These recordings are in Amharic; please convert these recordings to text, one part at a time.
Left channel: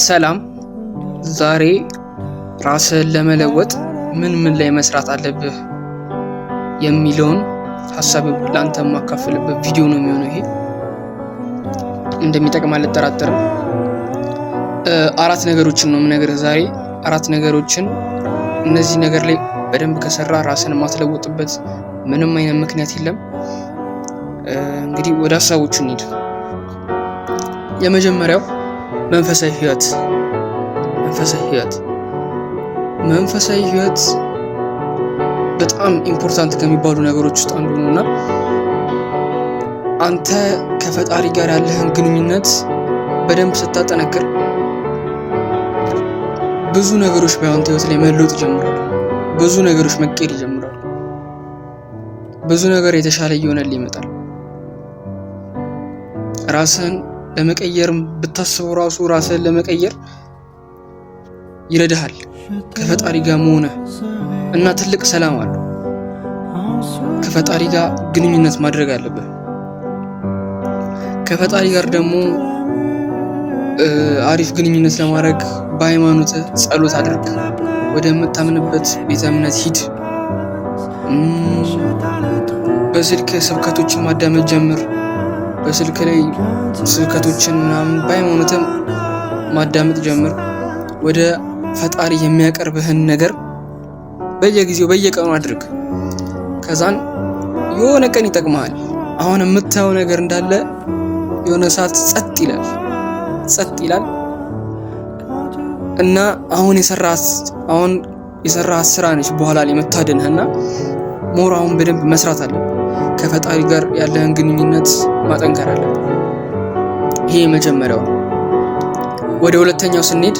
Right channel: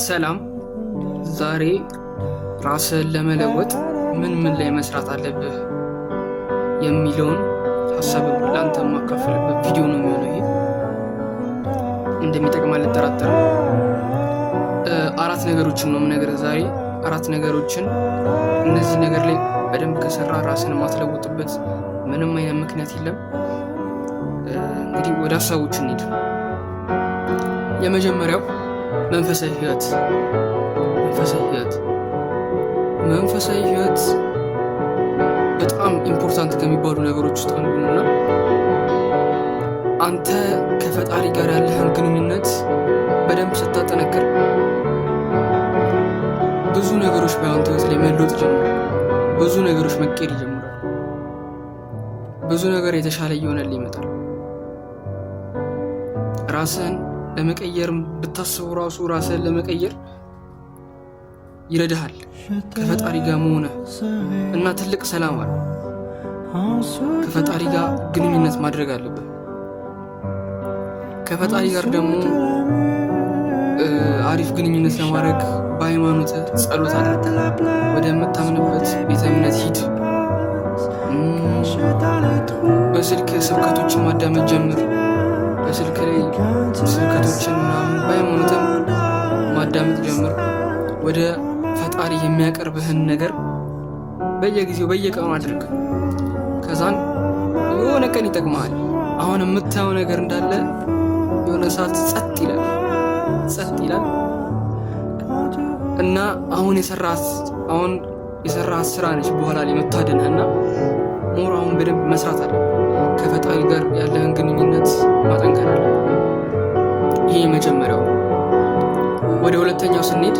ሰላም። ዛሬ ራስህን ለመለወጥ ምን ላይ መስራት አለብህ የሚለውን ሀሳብ ላንተ ማካፈልበት ቪዲዮ ነው የሚሆነው። ይሄ እንደሚጠቅም አልጠራጠርም። አራት ነገሮችን ነው የምነግርህ ዛሬ። አራት ነገሮችን እነዚህ ነገር ላይ በደንብ ከሰራ ራስን ማትለውጥበት ምንም አይነት ምክንያት የለም። እንግዲህ ወደ ሀሳቦቹ እንሂድ። የመጀመሪያው መንፈሳዊ ህይወት። መንፈሳዊ ህይወት በጣም ኢምፖርታንት ከሚባሉ ነገሮች ውስጥ አንዱ ነውና አንተ ከፈጣሪ ጋር ያለህን ግንኙነት በደንብ ስታጠነክር ብዙ ነገሮች በአንተ ህይወት ላይ መለወጥ ይጀምራሉ። ብዙ ነገሮች መቀየር ይጀምራሉ። ብዙ ነገር የተሻለ እየሆነልህ ይመጣል። ራስህን ለመቀየር ብታስበው ራሱ ራስህን ለመቀየር ይረዳሃል። ከፈጣሪ ጋር መሆነ እና ትልቅ ሰላም አለው። ከፈጣሪ ጋር ግንኙነት ማድረግ አለብህ። ከፈጣሪ ጋር ደግሞ አሪፍ ግንኙነት ለማድረግ በሃይማኖት ጸሎት አድርግ። ወደ የምታምንበት ቤተ እምነት ሂድ። በስልክ ስብከቶችን ማዳመጥ ጀምር። በስልክ ላይ ስብከቶችን በሃይማኖትም ማዳመጥ ጀምር። ወደ ፈጣሪ የሚያቀርብህን ነገር በየጊዜው በየቀኑ አድርግ። ከዛን የሆነ ቀን ይጠቅማል። አሁን የምታየው ነገር እንዳለ የሆነ ሰዓት ጸጥ ይላል እና አሁን የሰራሃት ስራ ነች በኋላ ላይ መታደንህና ሞራውን በደንብ መስራት አለ። ከፈጣሪ ጋር ያለህን ግንኙነት ማጠንከር አለ። ይሄ መጀመሪያው። ወደ ሁለተኛው ስንሄድ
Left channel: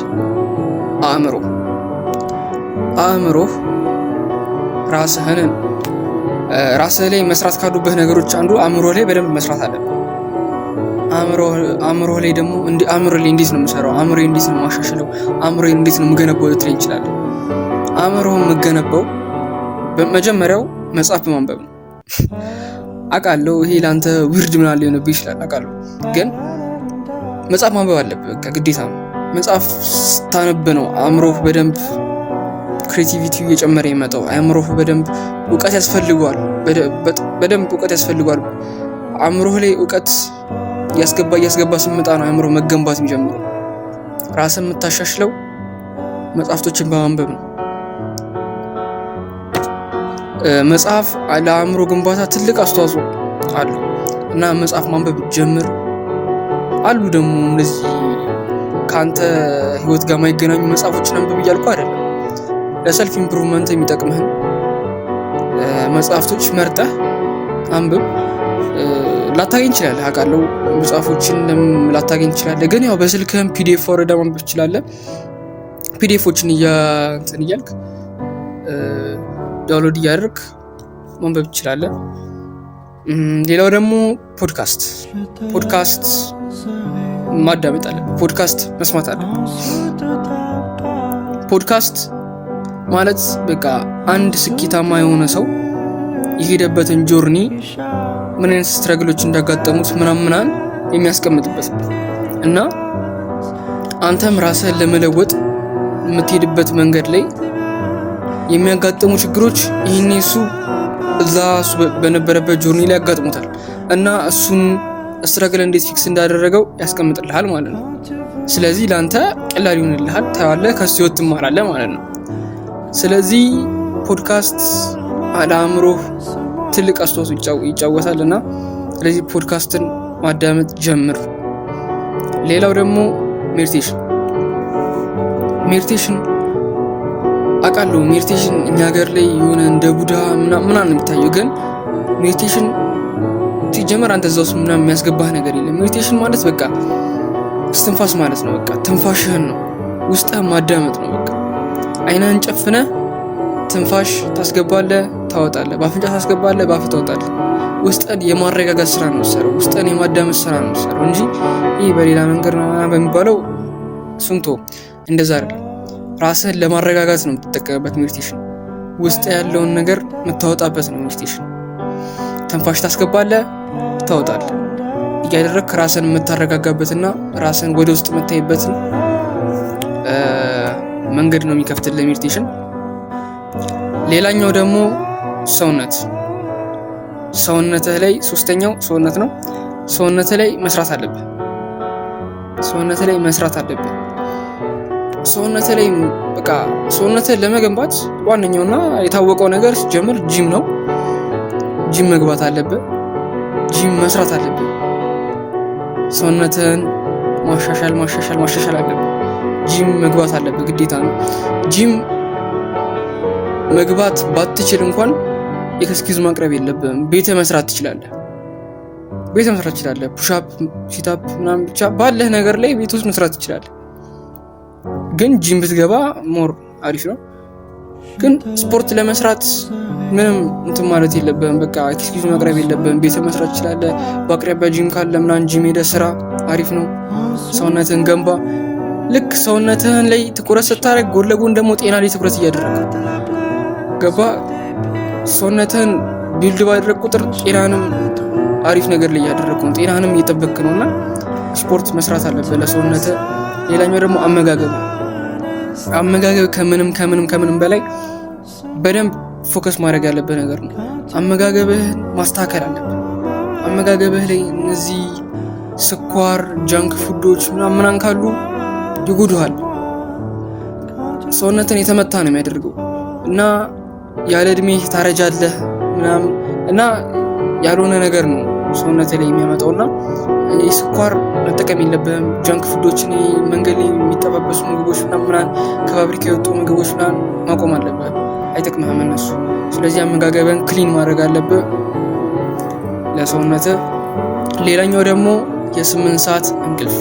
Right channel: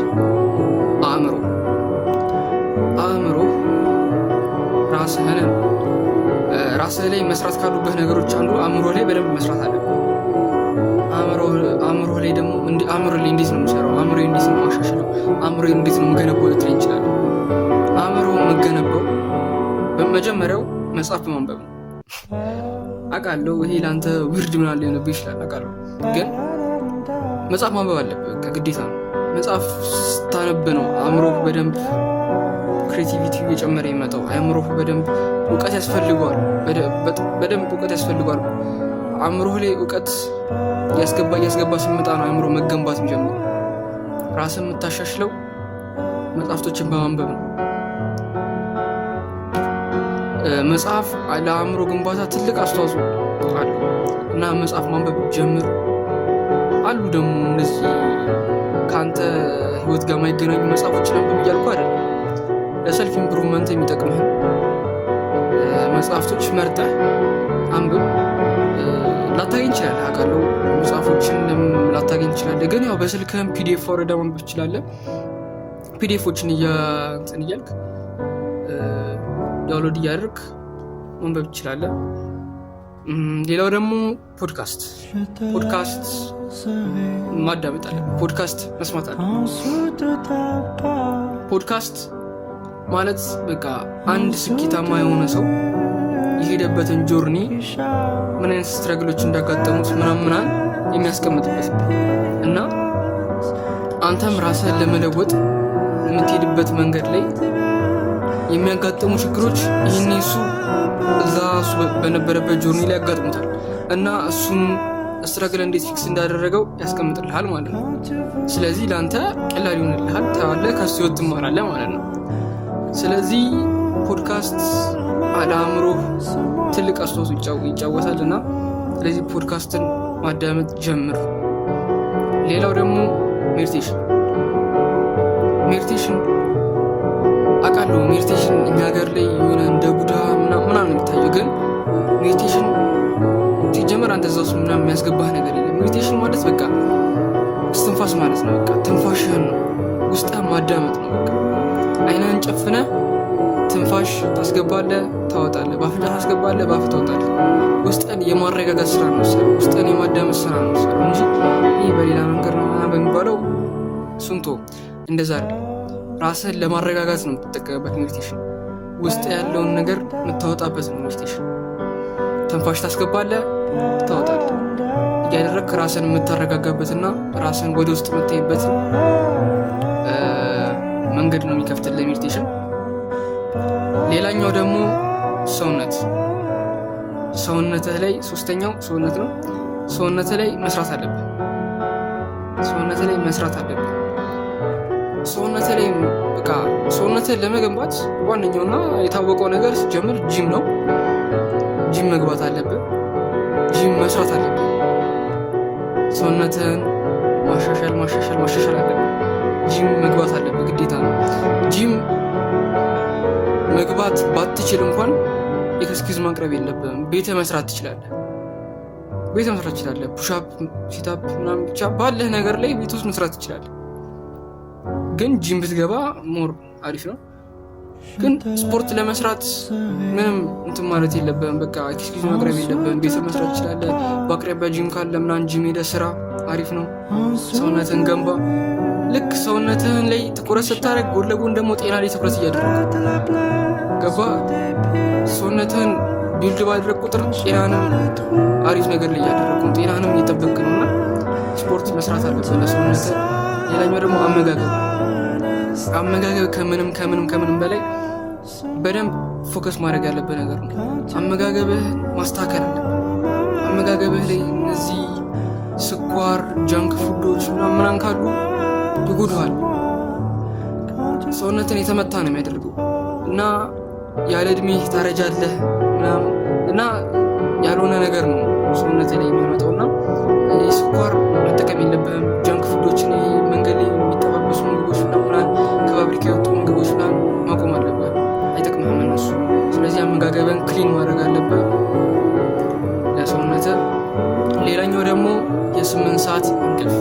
አእምሮ ራስህ ላይ መስራት ካሉበት ነገሮች አንዱ አእምሮ ላይ በደንብ መስራት አለ። አእምሮ ላይ ደግሞ አእምሮ ላይ እንዴት ነው የምሰራው? አእምሮ እንዴት ነው የማሻሽለው? አእምሮ እንዴት ነው የምገነባው ልትለኝ ይችላል። አእምሮ የምገነባው በመጀመሪያው መጽሐፍ በማንበብ ነው። አውቃለሁ ይሄ ለአንተ ውርድ ምናምን ሊሆንብህ ይችላል። አውቃለሁ፣ ግን መጽሐፍ ማንበብ አለብህ። ግዴታ ነው። መጽሐፍ ስታነብ ነው አእምሮህ በደንብ ክሬቲቪቲ እየጨመረ ይመጣው። አእምሮህ በደንብ እውቀት ያስፈልገዋል። በደንብ እውቀት ያስፈልገዋል። አእምሮህ ላይ እውቀት እያስገባ ስመጣ ነው አእምሮ መገንባት የሚጀምረው። ራስን የምታሻሽለው መጽሐፍቶችን በማንበብ ነው። መጽሐፍ ለአእምሮ ግንባታ ትልቅ አስተዋጽኦ አለው እና መጽሐፍ ማንበብ ጀምር። አሉ ደግሞ እነዚህ ከአንተ ህይወት ጋር የማይገናኙ መጽሐፎችን አንብብ እያልኩ አይደለም። ለሰልፍ ኢምፕሩቭመንት የሚጠቅምህን መጽሐፍቶች መርጠህ አንብብ። ላታገኝ ትችላለህ፣ አውቃለሁ። መጽሐፎችን ላታገኝ ትችላለህ፣ ግን ያው በስልክህም ፒዲኤፍ ወረዳ ማንበብ ትችላለህ። ፒዲኤፎችን እያልክ ዳውንሎድ እያደረግ ማንበብ ትችላለህ። ሌላው ደግሞ ፖድካስት ማዳመጥ አለብህ። ፖድካስት መስማት አለብህ። ፖድካስት ማለት በቃ አንድ ስኬታማ የሆነ ሰው የሄደበትን ጆርኒ ምን አይነት ስትራግሎች እንዳጋጠሙት ምናምን የሚያስቀምጥበት እና አንተም ራስህን ለመለወጥ የምትሄድበት መንገድ ላይ የሚያጋጥሙ ችግሮች ይህን እሱ በነበረበት ጆርኒ ላይ ያጋጥሙታል እና እሱን ስትራግል እንዴት ፊክስ እንዳደረገው ያስቀምጥልሃል ማለት ነው። ስለዚህ ለአንተ ቀላል ይሆንልሃል። ታያለህ፣ ከሱ ህይወት ትማራለህ ማለት ነው። ስለዚህ ፖድካስት ለአእምሮ ትልቅ አስተዋጽኦ ይጫወታል እና ስለዚህ ፖድካስትን ማዳመጥ ጀምር። ሌላው ደግሞ ሜዲቴሽን አውቃለሁ። ሜዲቴሽን እኛ ሀገር ላይ የሆነ እንደ ቡዳ ምናምን የሚታየው፣ ግን ሜዲቴሽን ሲጀመር አንተ እዛ ውስጥ ምናምን የሚያስገባህ ነገር የለም። ሜዲቴሽን ማለት በቃ እስትንፋስ ማለት ነው። በቃ ትንፋሽህን ነው ውስጥህን ማዳመጥ ነው። በቃ አይንህን ጨፍነህ ትንፋሽ ታስገባለህ፣ ታወጣለህ። በአፍንጫ ታስገባለህ፣ በአፍህ ታወጣለህ። ውስጥህን የማረጋጋት ስራ ነው የምትሰራው። ውስጥህን የማዳመጥ ስራ ነው የምትሰራው እንጂ ይህ በሌላ መንገድ ነው በሚባለው ሱንቶ እንደዛ አይደለም። ራስህን ለማረጋጋት ነው የምትጠቀምበት ሜዲቴሽን። ውስጥ ያለውን ነገር የምታወጣበት ነው ሜዲቴሽን። ትንፋሽ ታስገባለህ፣ ታወጣለህ። እያደረግክ ራስን የምታረጋጋበትና ራስን ወደ ውስጥ የምታይበት መንገድ ነው የሚከፍትልህ ሜዲቴሽን። ሌላኛው ደግሞ ሰውነትህ ላይ ሶስተኛው ሰውነት ነው። ሰውነትህ ላይ መስራት አለብህ። ሰውነትህ ላይ በቃ ሰውነትህን ለመገንባት ዋነኛውና የታወቀው ነገር ሲጀምር ጂም ነው። ጂም መግባት አለብህ። ጂም መስራት አለብህ። ሰውነትህን ማሻሻል አለብህ። ጂም መግባት አለብህ፣ ግዴታ ነው። ጂም መግባት ባትችል እንኳን ኤክስኪውዝ ማቅረብ የለብህም። ቤተ መስራት ትችላለህ። ፑሻፕ፣ ሲታፕ ምናምን ብቻ ባለህ ነገር ላይ ቤት ውስጥ መስራት ትችላለህ። ግን ጂም ብትገባ ሞር አሪፍ ነው። ግን ስፖርት ለመስራት ምንም እንትን ማለት የለብህም። በቃ ኤክስኪውዝ ማቅረብ የለብህም። ቤተ መስራት ትችላለህ። በአቅራቢያ ጂም ካለ ምናምን ጂም ሄደህ ስራ፣ አሪፍ ነው። ሰውነትህን ገንባ። ልክ ሰውነትህን ላይ ትኩረት ስታደርግ ጎን ለጎን ደግሞ ጤና ላይ ትኩረት እያደረግ ገባ። ሰውነትህን ቢልድ ባደረግ ቁጥር ጤናንም አሪፍ ነገር ላይ እያደረግ ነው፣ ጤናንም እየጠበቅ ነው። እና ስፖርት መስራት አለብህ ለሰውነትህ። ሌላኛው ደግሞ አመጋገብ ከምንም በላይ በደንብ ፎከስ ማድረግ ያለብህ ነገር ነው። አመጋገብህን ማስተካከል አለብህ። አመጋገብህ ላይ እነዚህ ስኳር፣ ጃንክ ፉዶች ምናምን ካሉ ይጎዱሃል። ሰውነትን የተመታ ነው የሚያደርገው እና ያለ እድሜህ ታረጃለህ ምናምን እና ያልሆነ ነገር ነው ሰውነት ላይ የሚያመጣውና ስኳር መጠቀም የለብህም። ጃንክ ፉዶችን መንገድ ላይ የሚጠባበሱ ምግቦች ምናምን ከፋብሪካ የወጡ ምግቦች ምናምን ማቆም አለብህ። አይጠቅምህም እነሱ። ስለዚህ አመጋገብን ክሊን ማድረግ አለብህ ለሰውነትህ። ሌላኛው ደግሞ የ8 ሰዓት እንቅልፍ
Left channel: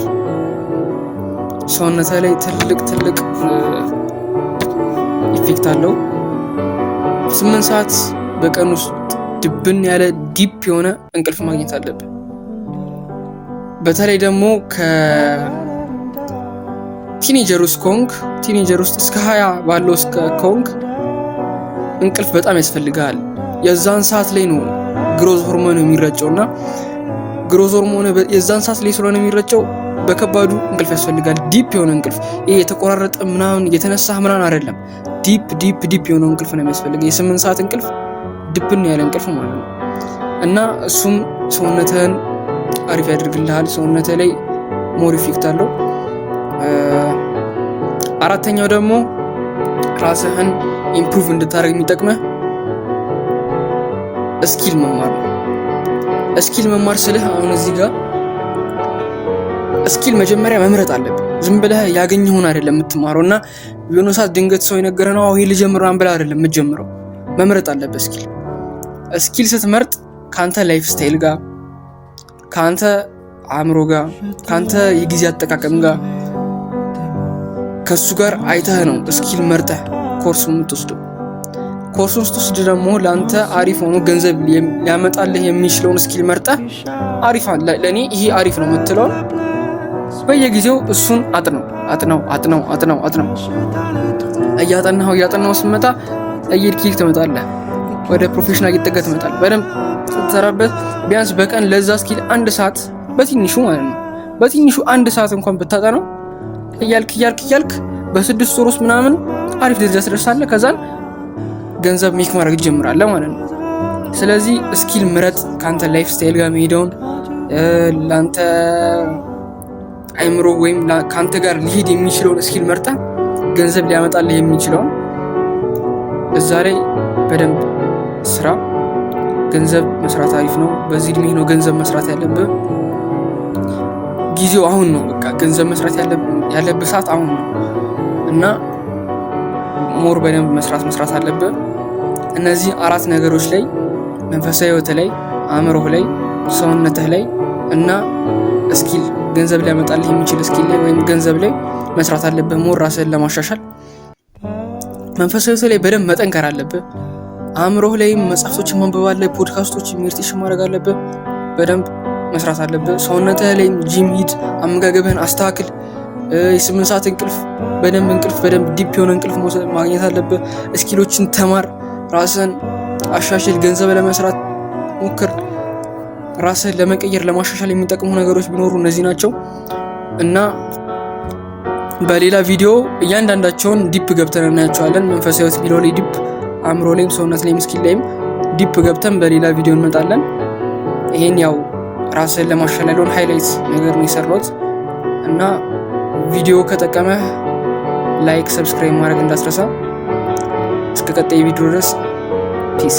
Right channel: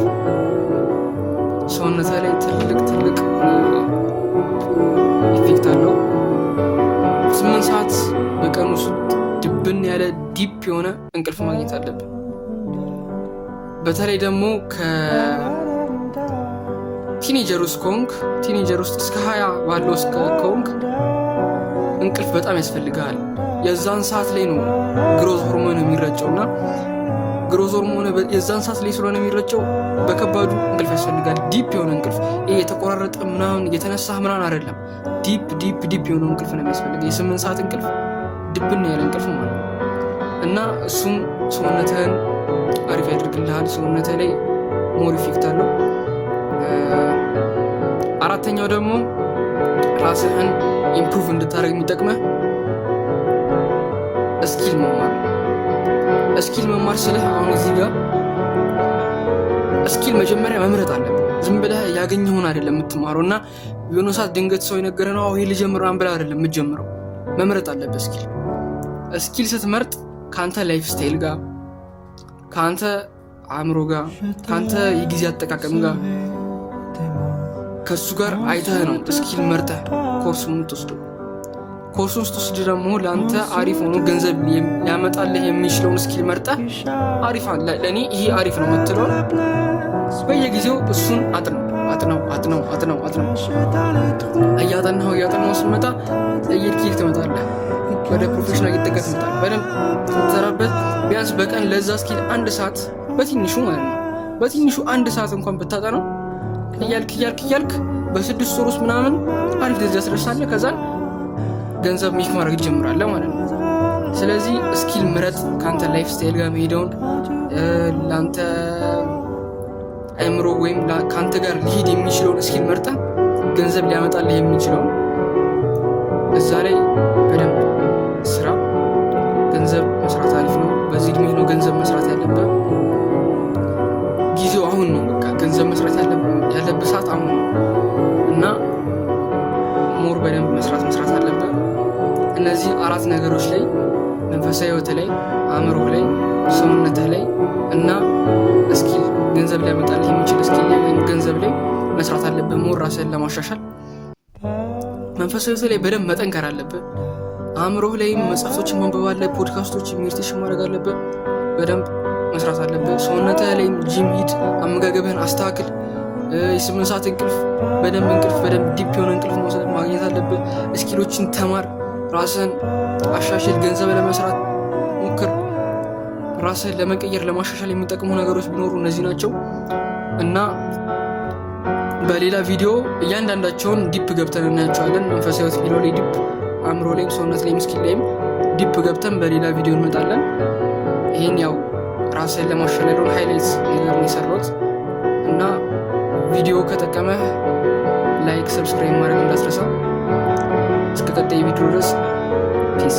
ሰውነት ላይ ትልቅ ኢፌክት አለው። 8 ሰዓት በቀን ውስጥ ድብን ያለ ዲፕ የሆነ እንቅልፍ ማግኘት አለብን። በተለይ ደግሞ ከቲኔጀር ውስጥ እስከ 20 ባለው እስከ ኮንክ እንቅልፍ በጣም ያስፈልጋል። የዛን ሰዓት ላይ ነው ግሮዝ ሆርሞን የሚረጨውና ግሮዝ ሆርሞን የዛን ሰዓት ላይ ስለሆነ የሚረጨው በከባዱ እንቅልፍ ያስፈልጋል። ዲፕ የሆነ እንቅልፍ፣ ይሄ የተቆራረጠ ምናምን የተነሳህ ምናምን አይደለም። ዲፕ የሆነ እንቅልፍ ነው የሚያስፈልገው። የ8 ሰዓት እንቅልፍ ድብን ያለ እንቅልፍ ማለት ነው እና እሱም ሰውነትህን አሪፍ ያደርግልሃል። ሰውነትህ ላይ ሞር ኢፌክት አለው። አራተኛው ደግሞ ራስህን ኢምፕሩቭ እንድታደርግ የሚጠቅመህ ስኪል መማር ነው። ስኪል መማር ስልህ አሁን እዚህ ጋር ስኪል መጀመሪያ መምረጥ አለብህ። ዝም ብለህ ያገኘውን አይደለም የምትማረው እና የሆነ ሰዓት ድንገት ሰው የነገረ ነው ይሄ ልጀምር ብለህ አይደለም የምትጀምረው። መምረጥ አለብህ ስኪል ስትመርጥ ከአንተ ላይፍ ስታይል ጋር፣ ከአንተ አእምሮ ጋር፣ ከአንተ የጊዜ አጠቃቀም ጋር ከሱ ጋር አይተህ ነው ስኪል መርጠህ ኮርሱን የምትወስደው። ኮርሱን ስትወስድ ደግሞ ለአንተ አሪፍ ሆኖ ገንዘብ ሊያመጣልህ የሚችለውን ስኪል መርጠህ አሪፍ ለእኔ ይሄ አሪፍ ነው የምትለው በየጊዜው እሱን አጥነው እያጠናው ስመጣ እየድኪል ትመጣለህ። ወደ ፕሮፌሽናል እየተጠጋ ትመጣለህ። በደንብ ስትሰራበት ቢያንስ በቀን ለዛ ስኪል 1 ሰዓት በትንሹ ማለት ነው በትንሹ 1 ሰዓት እንኳን ብታጠናው እያልክ በ6 ወር ውስጥ ምናምን አሪፍ ደረጃ ትደርሳለህ። ከዛን ገንዘብ ሜክ ማድረግ ትጀምራለህ ማለት ነው። ስለዚህ ስኪል ምረጥ፣ ከአንተ ላይፍ ስታይል ጋር የሚሄደውን ለአንተ አይምሮ ወይም ከአንተ ጋር ሊሄድ የሚችለውን ስኪል መርጠህ ገንዘብ ሊያመጣልህ የሚችለውን እዛ ላይ በደንብ ስራ። ገንዘብ መስራት አሪፍ ነው። በዚህ እድሜ ነው ገንዘብ መስራት ያለብህ። ጊዜው አሁን ነው። በቃ ገንዘብ መስራት ያለብህ ሰዓት አሁን ነው እና ሞር በደንብ መስራት አለብህ። እነዚህ 4 ነገሮች ላይ መንፈሳዊ ህይወት ላይ፣ አእምሮህ ላይ፣ ሰውነትህ ላይ እና ስኪል ገንዘብ ሊያመጣልህ የሚችል ስኪል ላይ ወይም ገንዘብ ላይ መስራት አለብህ። ሞር ራስህን ለማሻሻል መንፈሳዊ ህይወት ላይ በደንብ መጠንከር አለብህ። አእምሮህ ላይ መጽሐፎችን ማንበብ አለብህ። ሜዲቴሽን ማድረግ አለብህ። በደንብ መስራት አለብህ። ሰውነትህ ላይ ጂም ሂድ። አመጋገብህን አስተካክል። የ8 ሰዓት እንቅልፍ በደንብ ዲፕ የሆነ እንቅልፍ ማግኘት አለብህ። ስኪሎችን ተማር። ራስህን አሻሽል። ገንዘብ ለመስራት ሞክር። ራስህን ለመቀየር ለማሻሻል የሚጠቅሙ ነገሮች ቢኖሩ እነዚህ ናቸው እና በሌላ ቪዲዮ እያንዳንዳቸውን ዲፕ ገብተን እናያቸዋለን። መንፈሳዊ ህይወት የሚለው ላይ ዲፕ፣ አእምሮ ላይም ሰውነት ላይም ስኪል ላይም ዲፕ ገብተን በሌላ ቪዲዮ እንመጣለን። ይሄን ያው ራስን ለማሻሻል ሃይላይት ነገር ነው የሰራሁት እና ቪዲዮ ከጠቀመ ላይክ፣ ሰብስክራይብ ማድረግ እንዳትረሳ። እስከ ቀጣይ ቪዲዮ ድረስ ፒስ።